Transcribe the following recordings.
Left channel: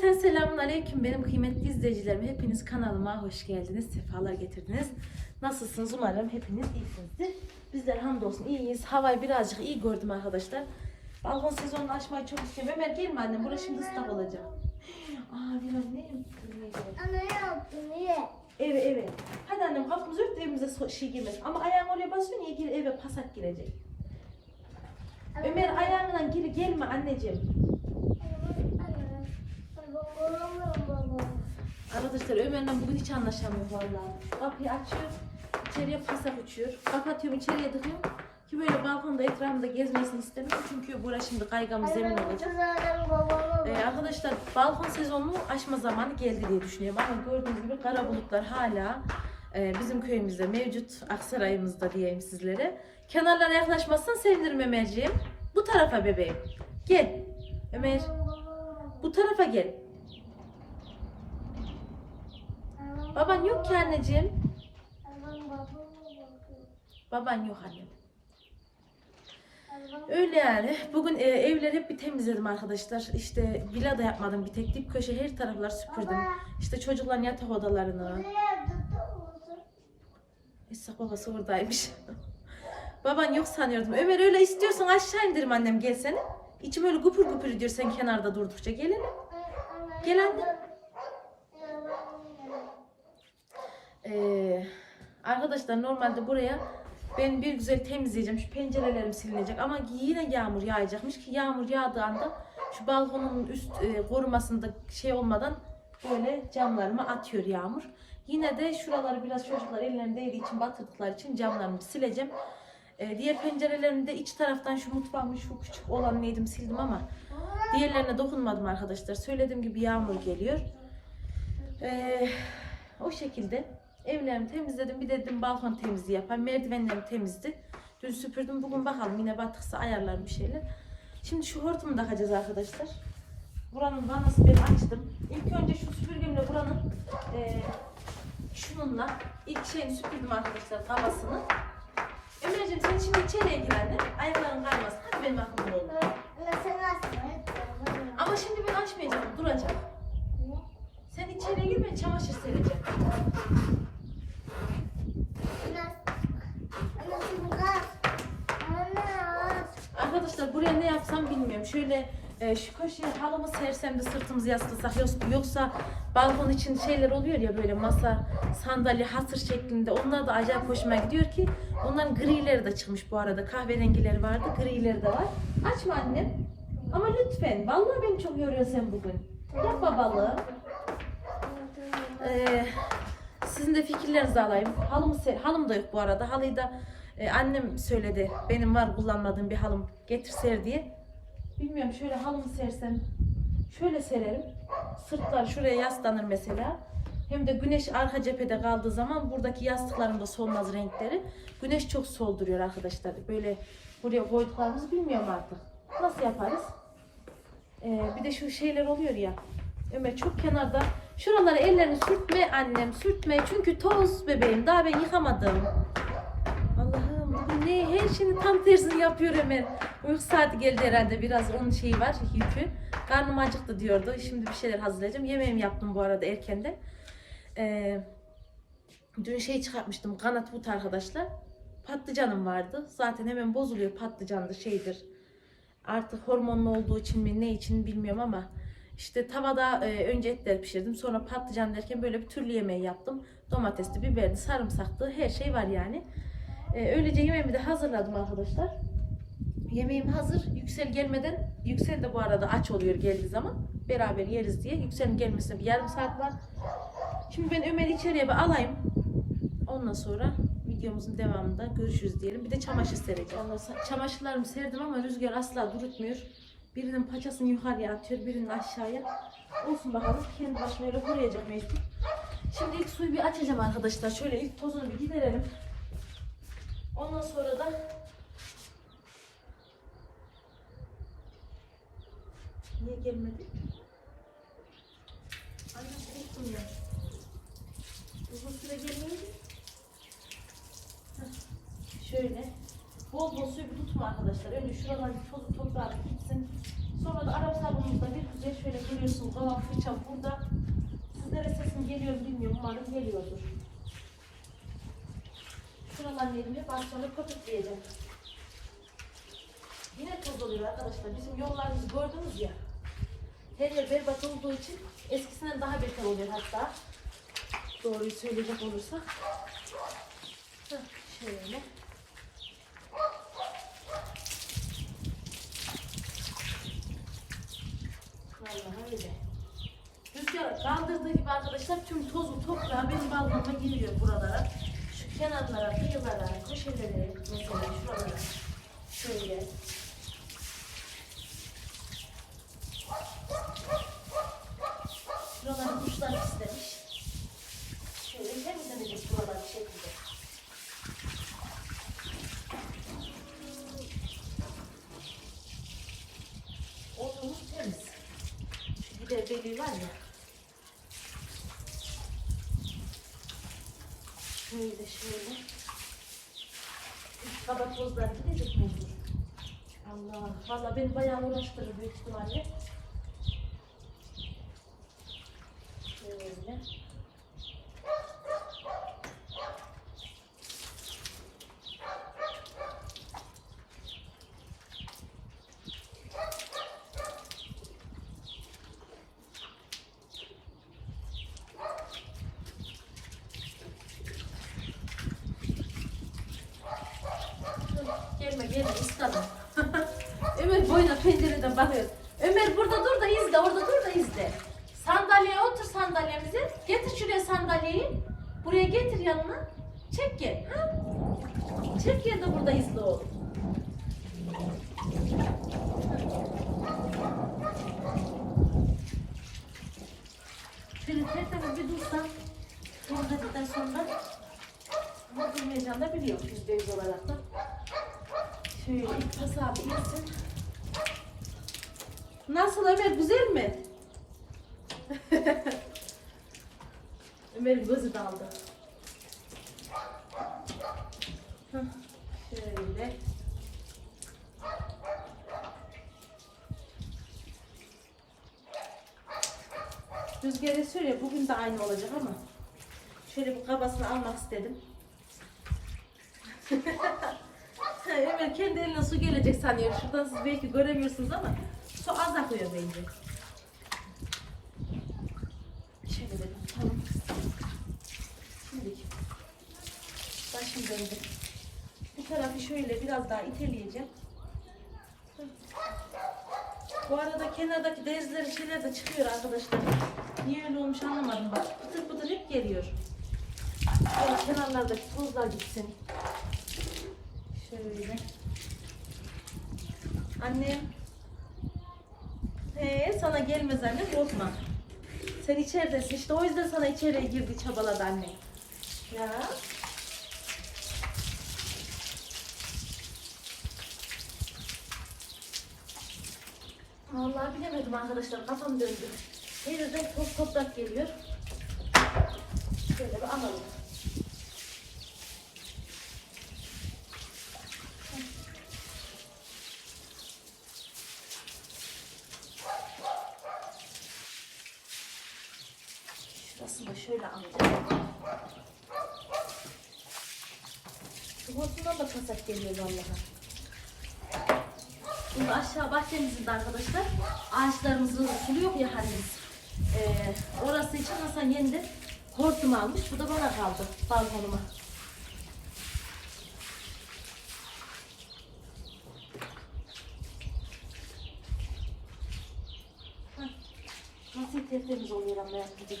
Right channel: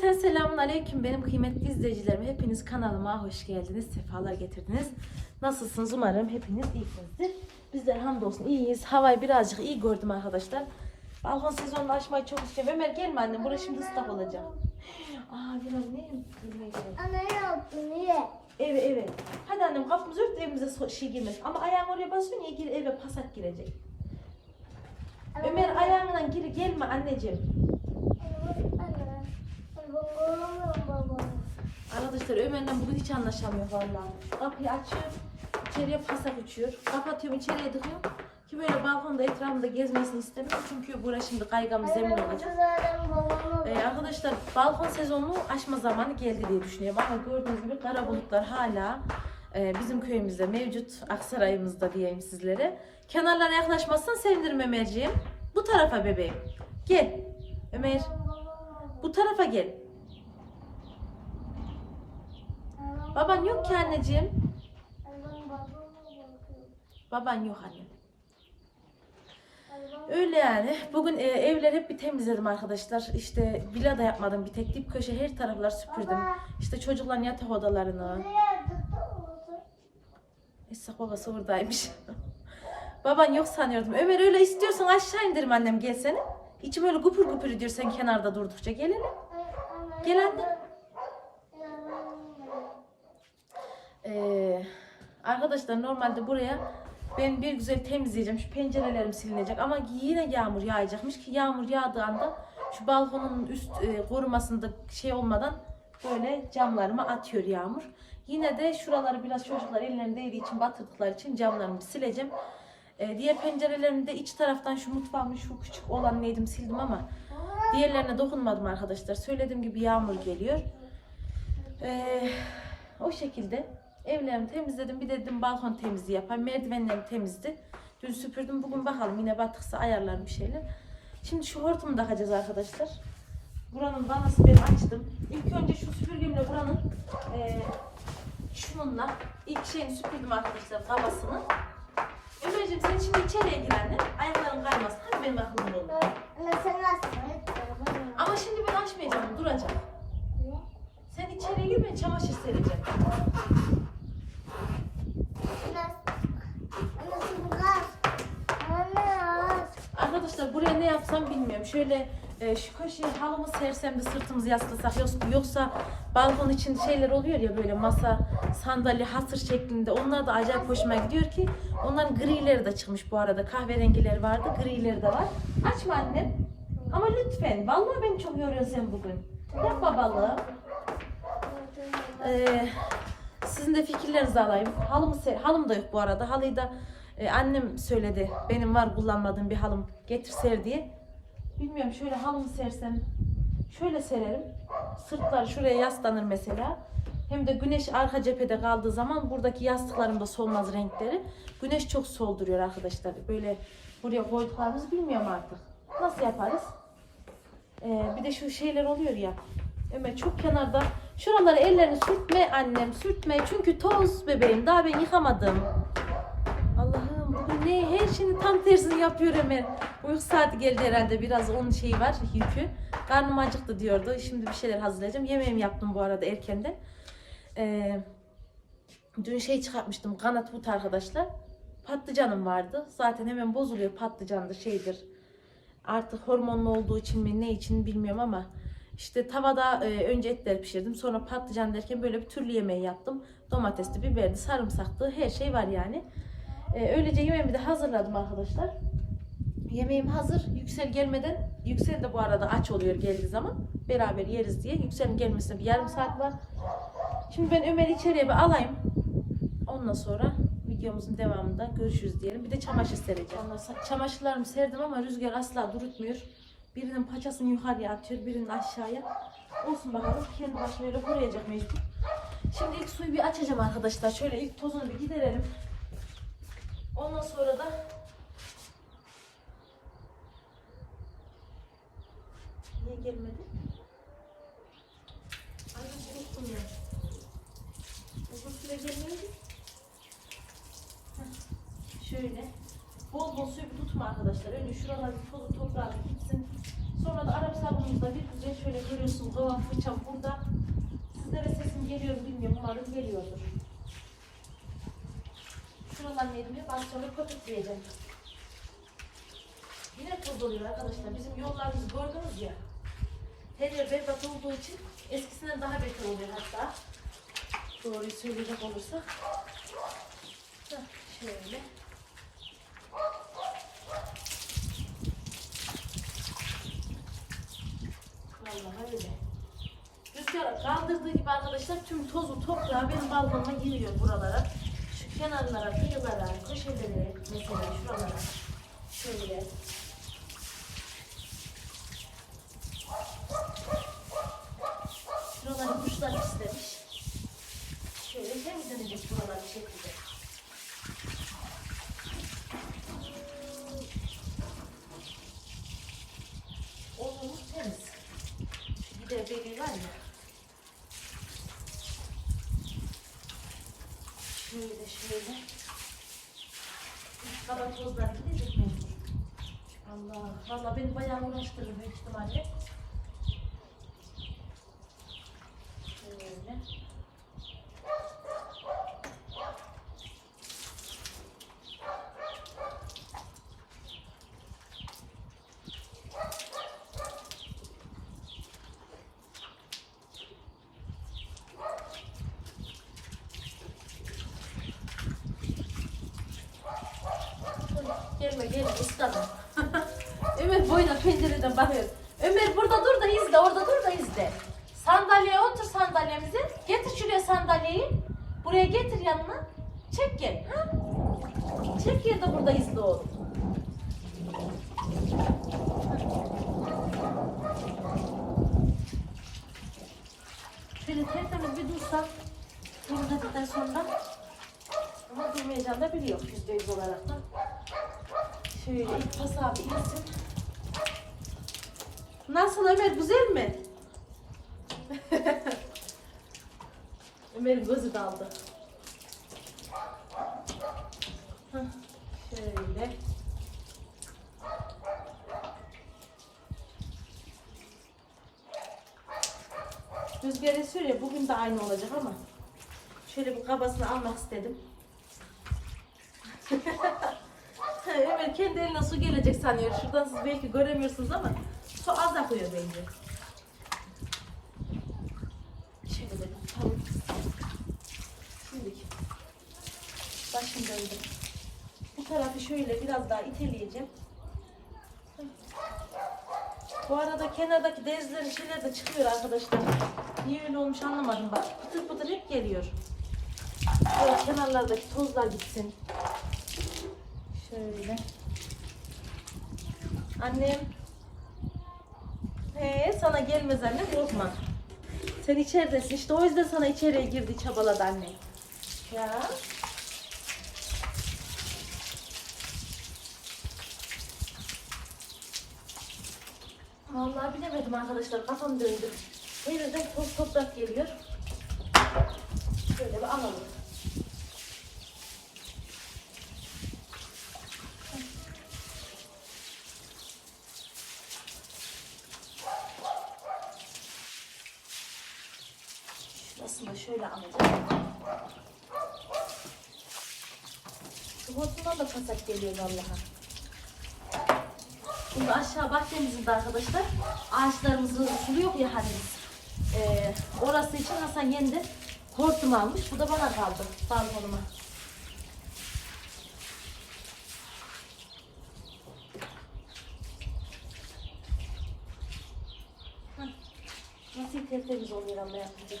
Cümleten selamun aleyküm benim kıymetli izleyicilerim. Hepiniz kanalıma hoş geldiniz, sefalar getirdiniz. Nasılsınız? Umarım hepiniz iyisinizdir. Bizler hamdolsun iyiyiz. Havayı birazcık iyi gördüm arkadaşlar. Balkon sezonunu açmayı çok istiyorum. Ömer gelme annem, burası şimdi ıslak olacak. Aa bir anne. Anne ne yaptın niye? Evet evet. Hadi annem kapımızı ört de evimize şey girmez. Ama ayağın oraya basıyor niye gir eve pasak girecek. Ömer ayağına gir gelme anneciğim. Arkadaşlar Ömer'le bugün hiç anlaşamıyor vallahi. Kapıyı açıyor, içeriye pasak uçuyor. Kapatıyorum, içeriye tıkıyorum. Ki böyle balkonda etrafında gezmesini istemiyorum. Çünkü burası şimdi kaygan bir zemin olacak. Ee, arkadaşlar balkon sezonunu aşma zamanı geldi diye düşünüyorum. Ama gördüğünüz gibi kara bulutlar hala e, bizim köyümüzde mevcut. Aksaray'ımızda diyeyim sizlere. Kenarlara yaklaşmazsan sevinirim Ömerciğim. Bu tarafa bebeğim. Gel. Ömer bu tarafa gel. Baban yok ki anneciğim. Baban yok anne. Öyle yani. Bugün e, evleri hep bir temizledim arkadaşlar. İşte villa da yapmadım bir tek. Dip köşe her taraflar süpürdüm. İşte çocukların yatak odalarını. Esra babası buradaymış. Baban yok sanıyordum. Ömer öyle istiyorsan aşağı indirim annem gelsene. İçim öyle gupur gupur ediyor sen kenarda durdukça. Gel hele. Gel anne. Ee, arkadaşlar normalde buraya ben bir güzel temizleyeceğim. Şu pencerelerim silinecek ama yine yağmur yağacakmış ki yağmur yağdığı anda şu balkonun üst e, korumasında şey olmadan böyle camlarıma atıyor yağmur. Yine de şuraları biraz çocuklar ellerinde değdiği için batırdıkları için camlarımı sileceğim. Ee, diğer pencerelerini de iç taraftan şu mutfağımın şu küçük olan neydim sildim ama diğerlerine dokunmadım arkadaşlar. Söylediğim gibi yağmur geliyor. Ee, o şekilde evlerimi temizledim. Bir de dedim balkon temizliği yapayım. Merdivenlerim temizdi. Dün süpürdüm. Bugün bakalım yine batıksa ayarlarım bir şeyler. Şimdi şu hortumu takacağız arkadaşlar. Buranın vanası ben açtım. İlk önce şu süpürgemle buranın eee şununla ilk şeyini süpürdüm arkadaşlar havasını. Ömerciğim sen şimdi içeriye gir anne. Ayakların kaymasın. Hadi benim aklımda olur. Ama şimdi ben açmayacağım. Duracağım. Sen içeriye gir ben çamaşır sereceğim. Arkadaşlar buraya ne yapsam bilmiyorum. Şöyle e, şu köşeye halımı sersem de sırtımızı yaslasak yoksa, balkon için şeyler oluyor ya böyle masa, sandalye, hasır şeklinde. Onlar da acayip hoşuma gidiyor ki onların grileri de çıkmış bu arada. Kahverengileri vardı, grileri de var. Açma annem. Ama lütfen. Vallahi beni çok yoruyorsun sen bugün. Yapma balığı. Ee, sizin de fikirlerinizi alayım. Halımı ser, halım da yok bu arada. Halıyı da e, annem söyledi. Benim var kullanmadığım bir halım getir ser diye. Bilmiyorum şöyle halımı sersem şöyle sererim. Sırtlar şuraya yaslanır mesela. Hem de güneş arka cephede kaldığı zaman buradaki yastıkların da solmaz renkleri. Güneş çok solduruyor arkadaşlar. Böyle buraya koyduklarımızı bilmiyorum artık. Nasıl yaparız? Ee, bir de şu şeyler oluyor ya. Ömer çok kenarda. Şuraları ellerini sürtme annem sürtme. Çünkü toz bebeğim. Daha ben yıkamadım. Ne? Her şeyin tam tersini yapıyor Ömer. Uyku saati geldi herhalde. Biraz onun şeyi var yükü. Karnım acıktı diyordu. Şimdi bir şeyler hazırlayacağım. Yemeğimi yaptım bu arada erkenden. Ee, dün şey çıkartmıştım. Kanat but arkadaşlar. Patlıcanım vardı. Zaten hemen bozuluyor patlıcandır şeydir. Artık hormonlu olduğu için mi ne için bilmiyorum ama işte tavada e, önce etleri pişirdim. Sonra patlıcan derken böyle bir türlü yemeği yaptım. Domatesli, biberli, sarımsaklı her şey var yani. E, öylece yemeğimi de hazırladım arkadaşlar. Yemeğim hazır. Yüksel gelmeden, Yüksel de bu arada aç oluyor geldiği zaman. Beraber yeriz diye. Yüksel'in gelmesine bir yarım saat var. Şimdi ben Ömer'i içeriye bir alayım. Ondan sonra videomuzun devamında görüşürüz diyelim. Bir de çamaşır sereceğim. Ondan çamaşırlarımı serdim ama rüzgar asla durutmuyor. Birinin paçasını yukarıya atıyor, birinin aşağıya. Olsun bakalım. Kendi başına öyle koruyacak mecbur. Şimdi ilk suyu bir açacağım arkadaşlar. Şöyle ilk tozunu bir giderelim. Ondan sonra da Gelmedi? Anne unuttum ya. Uzun süre gelmedi. Şöyle. Bol bol bir tutma arkadaşlar. Önce şuralar bir tozu toprağı bir gitsin. Sonra da Arap sabunumuzda bir güzel şöyle görüyorsun kavan fırçam burada. Sizlere sesim geliyor mu bilmiyorum. Umarım geliyordur. Şuradan elimi ben sonra köpükleyeceğim. Yine toz oluyor arkadaşlar. Bizim yollarımızı gördünüz ya. Her yer berbat olduğu için eskisinden daha beter oluyor hatta. Doğruyu söyleyecek olursak. Şöyle. Vallahi öyle. Rüzgar kaldırdığı gibi arkadaşlar tüm tozu toprağı benim balkonuma giriyor buralara. Şu kenarlara, kıyılara, köşeleri mesela şuralara. Şöyle. Şuraları kuşlar istemiş. Şöyle temizlenecek buralar bir şekilde. Odunumuz temiz. Bir de beli var ya. Şöyle şöyle. Üst kaba tozlar gidecek mecbur. Allah. Valla beni bayağı uğraştırır büyük ihtimalle. Şöyle. Gelme gelme ıslanma. Ömer boyuna pencereden bakıyor. Ömer burada dur da izle, orada dur da izle. Sandalyeye otur sandalyemize. Getir şuraya sandalyeyi. Buraya getir yanına. Çek gel. Ha? Çek gel de burada izle oğlum. Şöyle tertemiz bir dursan. Bunu dedikten sonra ama durmayacağını da biliyor yüzde yüz olarak da. Şöyle ilk pas abi girsin. Nasıl Ömer güzel mi? Ömer'in gözü daldı. Şöyle. Rüzgar esiyor ya bugün de aynı olacak ama şöyle bir kabasını almak istedim. Ömer kendi eline su gelecek sanıyor. Şuradan siz belki göremiyorsunuz ama su az akıyor bence. Şöyle de tutalım. Şimdi başım döndü. Bu tarafı şöyle biraz daha iteleyeceğim. Bu arada kenardaki dezlerin şeyler de çıkıyor arkadaşlar. Niye öyle olmuş anlamadım bak. Pıtır pıtır hep geliyor. Böyle kenarlardaki tozlar gitsin. Şöyle. Annem. Ee, sana gelmez anne korkma. Sen içeridesin işte o yüzden sana içeriye girdi çabaladı anne. Ya. Vallahi bilemedim arkadaşlar kafam döndü. Her yerden toz toprak geliyor. Şöyle bir alalım. Şurasını da şöyle alacağım. Şu hortumdan da pasak geliyor vallahi. Şimdi aşağı bahçemizin de arkadaşlar ağaçlarımızı suluyor ya halimiz. Ee, orası için Hasan yeniden hortum almış. Bu da bana kaldı balkonuma. Nasıl tertemiz oluyor ama yaptığı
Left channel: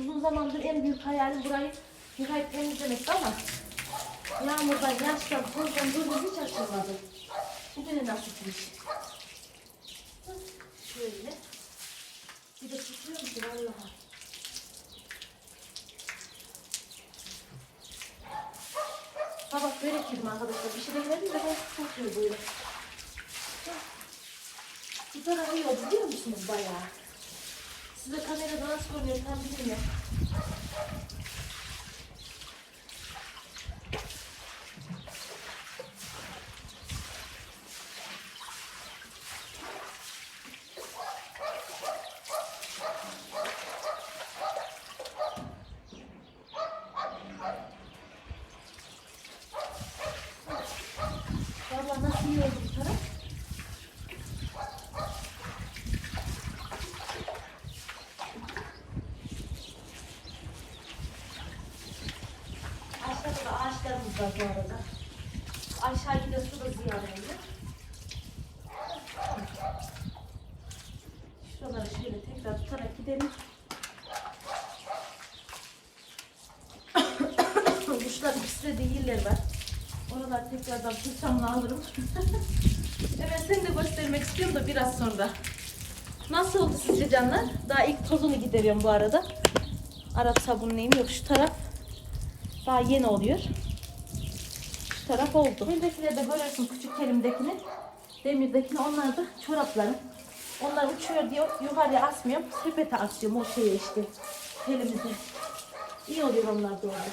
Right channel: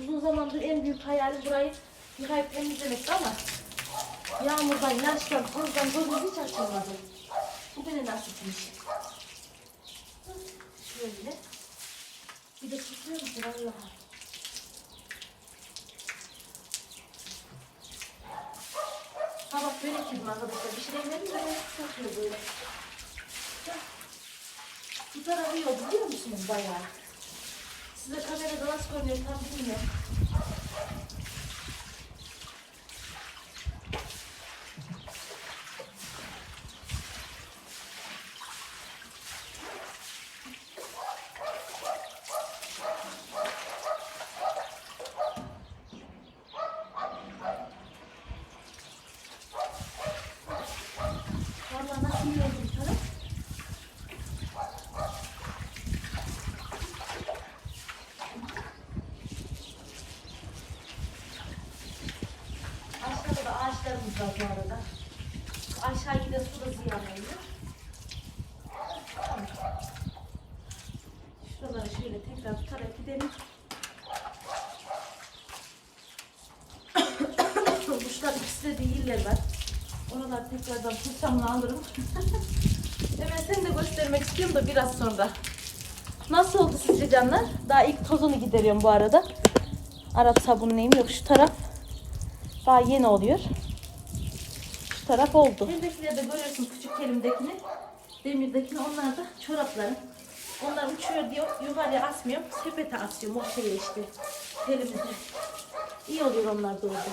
Uzun zamandır en büyük hayalim burayı yıkayıp temizlemekti ama yağmurdan, yaştan, tozdan gözüm hiç açılmadı. Bugüne nasipmiş. Şöyle. Bir de tutuyor musun Allah'a? Sabah börek yedim arkadaşlar. Bir şey demedim de ben tutuyor böyle. Bu tarafı yiyor biliyor musunuz bayağı? Size kamerada nasıl görünüyor tam bilmiyorum. Var bu arada. Aşağı gidip su da ziyanlıydı. Şuraları şöyle tekrar tutarak gidelim. Kuşlar ikisi de değiller var. Oralar tekrardan fırçamla alırım. evet seni de göstermek istiyorum da biraz sonra. Nasıl oldu sizce canlar? Daha ilk tozunu gideriyorum bu arada. Arap sabunlayayım. Yok şu taraf daha yeni oluyor. Taraf oldu. Buradakileri de görüyorsun küçük elimdekini. Demirdekini onlar da çoraplarım. Onlar uçuyor diye yukarıya asmıyorum. Sepete asıyorum o şeye işte. Elimize. İyi oluyor onlar da orada.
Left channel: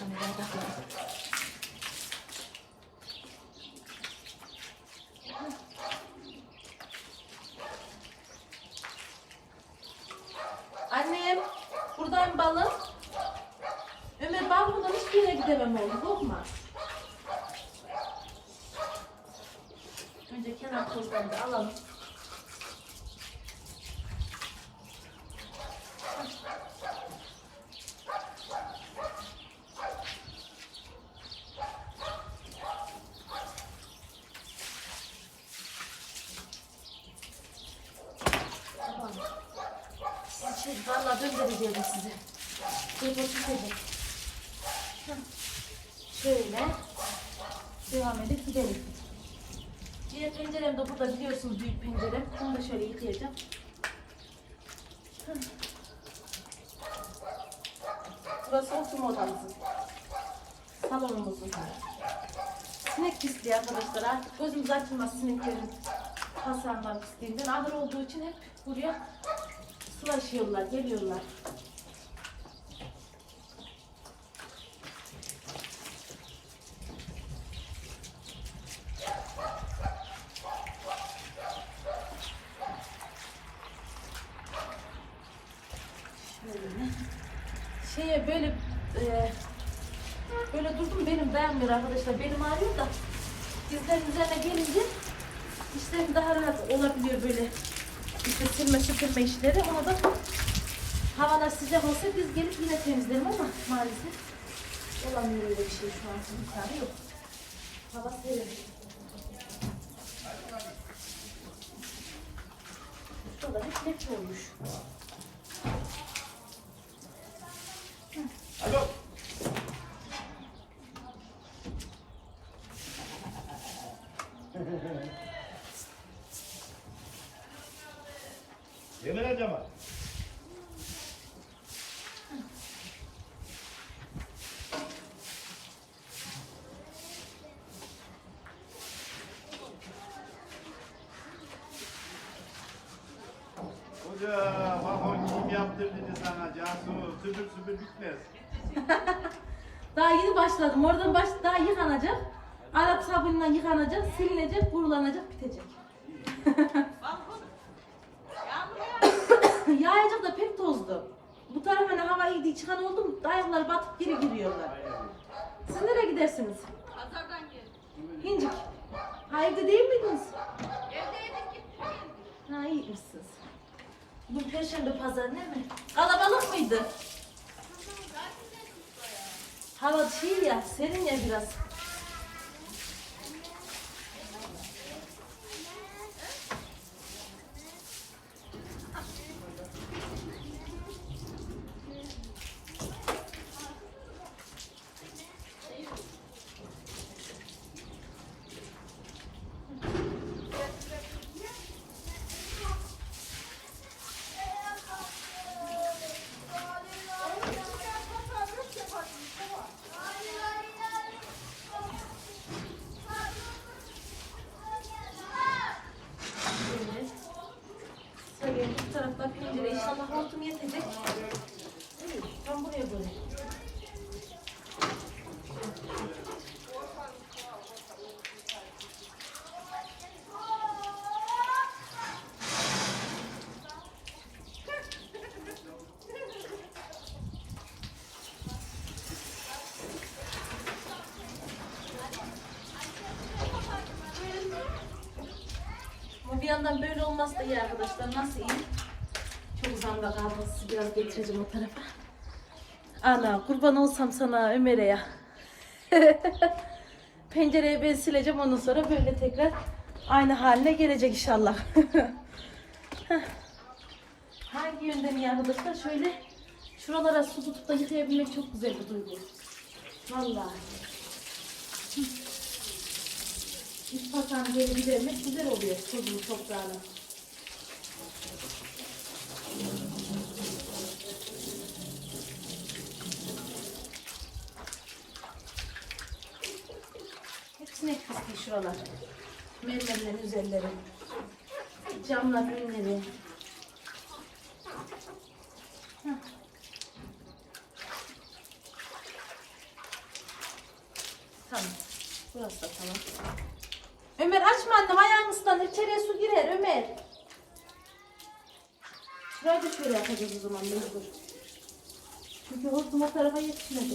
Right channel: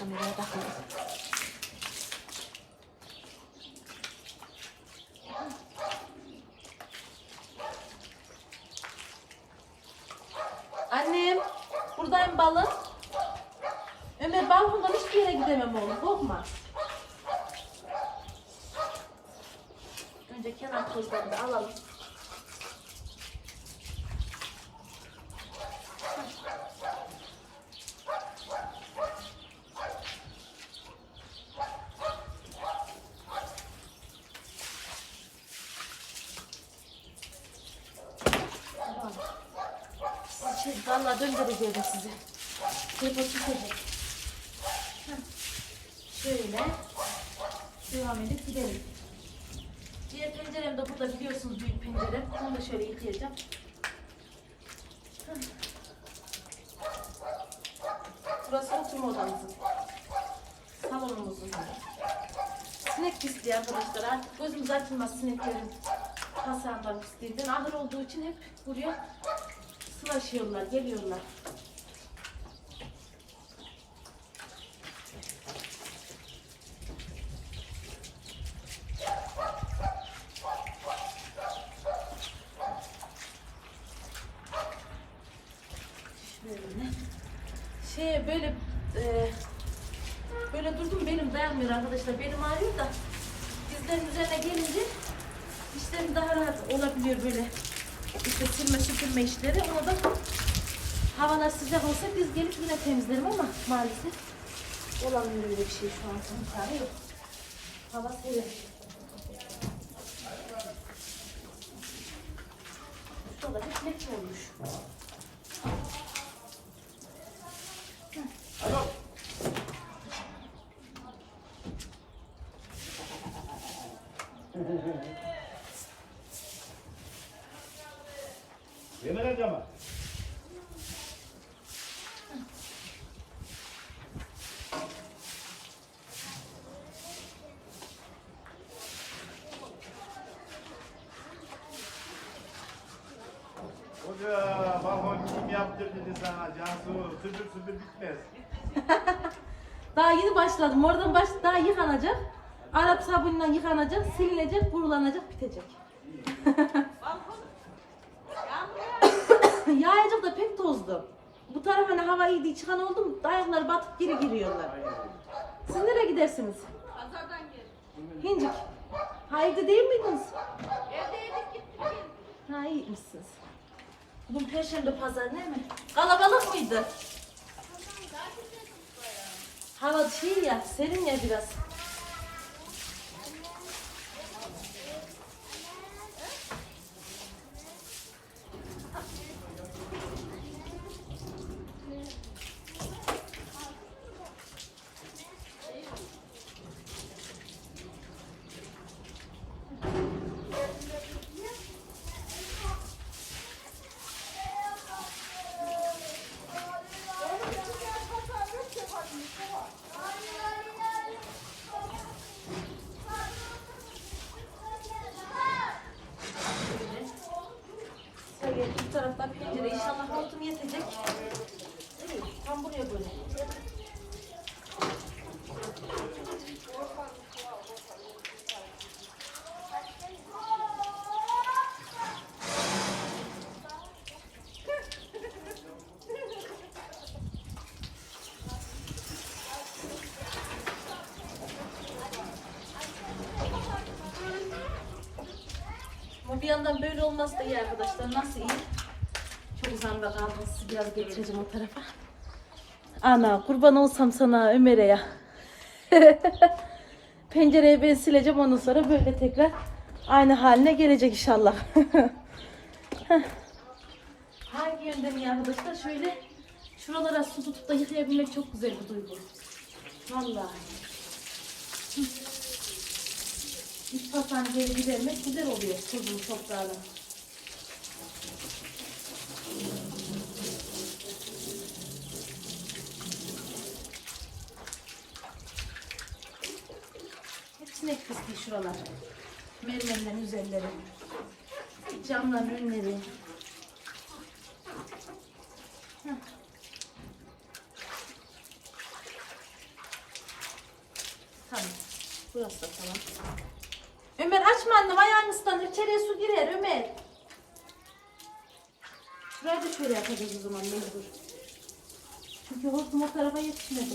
Kameraya bakalım. Korkma. Önce kenar tozlarını da alalım. Valla döndüreceğim sizi. Yapasın tabii. Şöyle devam edip gidelim. Diğer pencerem de burada biliyorsunuz büyük pencerem. Bunu da şöyle yıkayacağım. Burası oturma odamızın. Salonumuzun. Sinek pisliği arkadaşlar. Artık gözümüz açılmaz sineklerin hasarından pisliğinden. Ahır olduğu için hep buraya sulaşıyorlar, geliyorlar. Şöyle. Şeye böyle e, böyle durdum benim dayanmıyor arkadaşlar. Benim ağrıyor da dizlerin üzerine gelince işlerim daha rahat olabiliyor böyle işte silme süpürme işleri. Ona da havalar sıcak olsa biz gelip yine temizlerim ama maalesef olamıyor öyle bir şey şu an. Hava serin. Hoca, bak onu kim yaptırdı sana Cansu, süpür süpür bitmez. Daha yeni başladım. Oradan baş daha yıkanacak. Arap sabunla yıkanacak, silinecek, kurulanacak, bitecek. Yağacak da pek tozlu. Bu tarafa hava iyi diye çıkan oldu mu? Ayakları batıp geri giriyorlar. Siz nereye gidersiniz? Hincik. Ha evde değil miydiniz? Ha iyi misiniz? Bugün Perşembe pazar değil mi? Kalabalık mıydı? Hava şey ya, serin ya biraz. Şöyle bu tarafta pencere inşallah hortum yetecek. İyi, tam buraya böyle. Ama bir yandan böyle olması da iyi arkadaşlar. Nasıl iyi? Çok uzamda kaldım. Sizi biraz geçireceğim o tarafa. Ana kurban olsam sana Ömer'e ya. Pencereye ben sileceğim ondan sonra böyle tekrar aynı haline gelecek inşallah. Hangi yönden iyi arkadaşlar? Şöyle şuralara su tutup da yıkayabilmek çok güzel bir duygu. Vallahi. İç pasancıya gidermek güzel oluyor tuzlu toprağına. Hepsine pislik şuralar. Mermerlerin üzerleri. Camların önleri. Tamam. Burası da tamam. Ömer açma annem ayağını ıslanır. İçeriye su girer Ömer. Şuraya da şöyle yapacağız o zaman mecbur. Çünkü hortum o tarafa yetişmedi.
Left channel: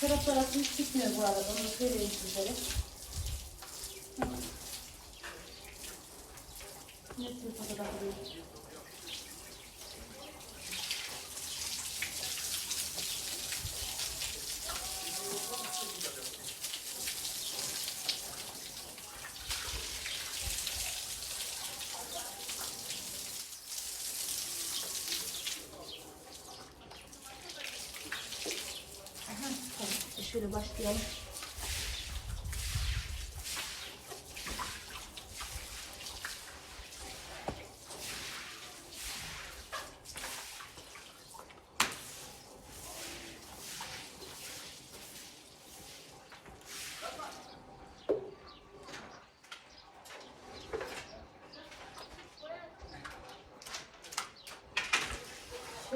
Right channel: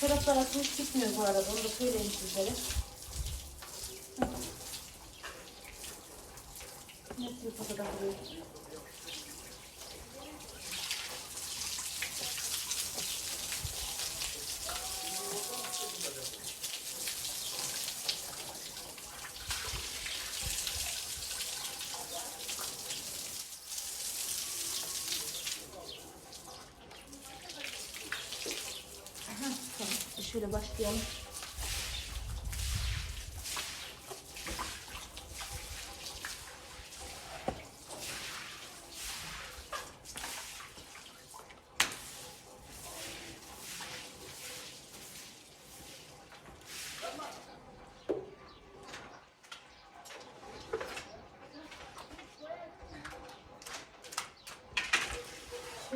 Taraflar hiç gitmiyor bu arada. Onu söyleyeyim sizlere. Hı. Ne bu kadar buraya? Aha, tamam. Şöyle başlayalım.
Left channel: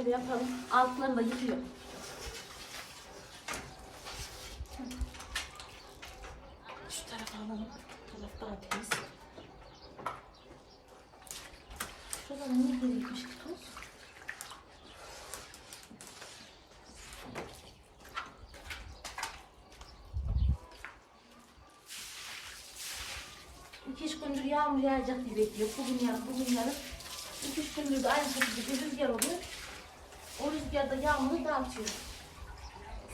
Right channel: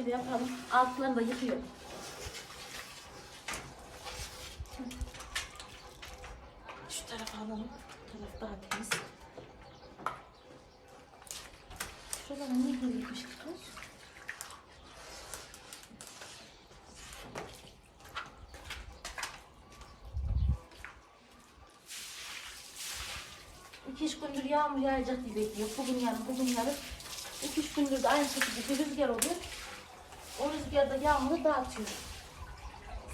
Yapalım. Altlarını da yıkıyorum. Şu tarafa alalım. Bu taraf daha temiz. Ne böyle bir şey? İki üç gündür yağmur yağacak diye bekliyor. Bugün yarın, bugün yarın. İki üç gündür de aynı şekilde bir rüzgar oluyor. O rüzgarda yağmuru dağıtıyor.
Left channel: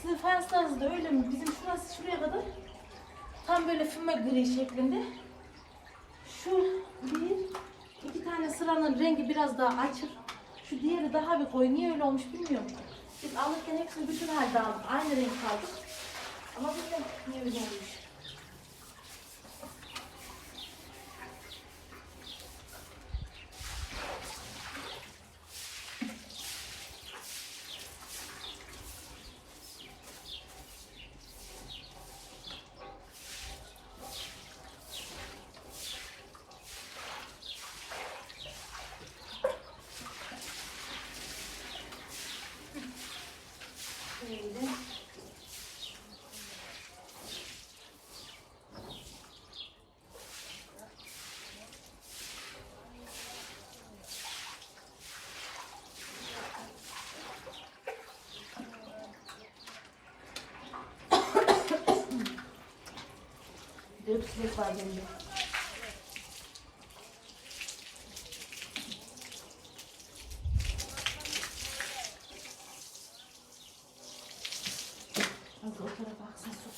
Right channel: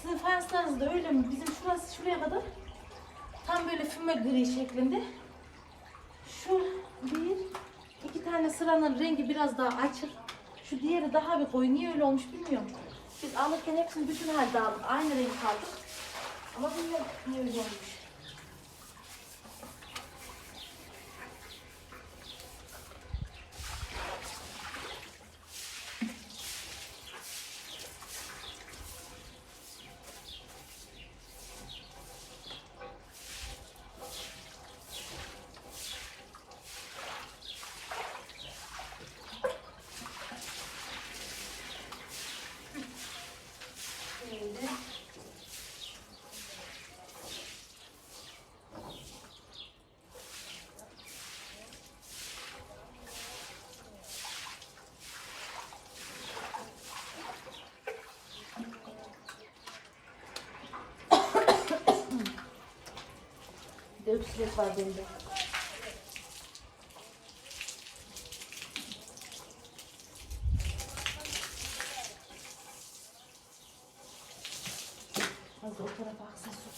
Sizin fayanslarınız da öyle mi? Bizim şurası şuraya kadar tam böyle füme gri şeklinde. Şu sıranın rengi biraz daha açık. Şu diğeri daha bir koyu. Niye öyle olmuş bilmiyorum. Biz alırken hepsini bütün halde aldık. Aynı renk aldık. Ama bilmiyorum niye öyle olmuş. Şöyle. Bir de öpsülek var bende. Fazla o tarafa baksan su.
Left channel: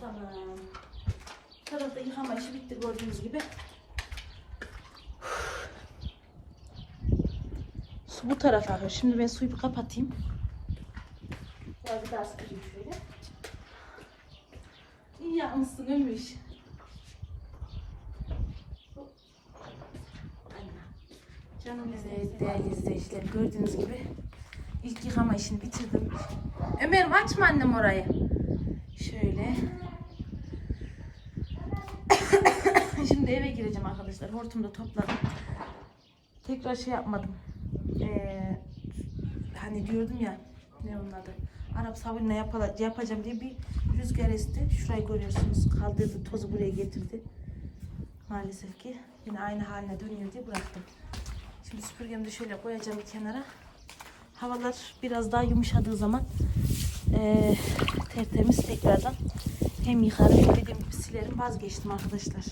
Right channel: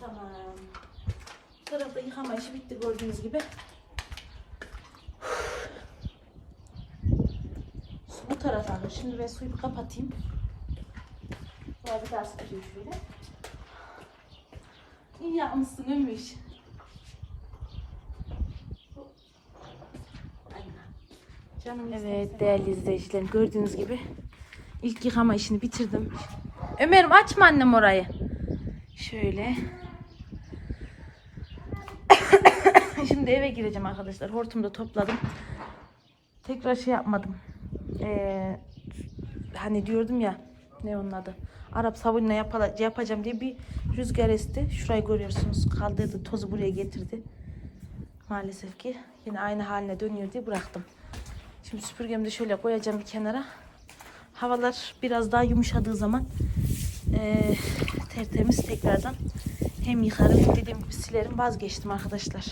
Tamam. Bu tarafta yıkama işi bitti gördüğünüz gibi. Su bu tarafa alıyor. Şimdi ben suyu bir kapatayım. Sonra bir daha sıkacağım şöyle. İyi yapmışsın. Canım evet değerli izleyiciler gördüğünüz gibi ilk yıkama işini bitirdim. Ömer'im açma annem orayı. Şöyle. Şimdi eve gireceğim arkadaşlar. Hortumu da topladım. Tekrar şey yapmadım. Ee, hani diyordum ya ne onun adı. Arap sabunla yapacağım diye bir rüzgar esti. Şurayı görüyorsunuz kaldırdı tozu buraya getirdi. Maalesef ki yine aynı haline dönüyor diye bıraktım. Şimdi süpürgemi de şöyle koyacağım bir kenara. Havalar biraz daha yumuşadığı zaman eee tertemiz tekrardan hem yıkarım dediğim gibi silerim vazgeçtim arkadaşlar.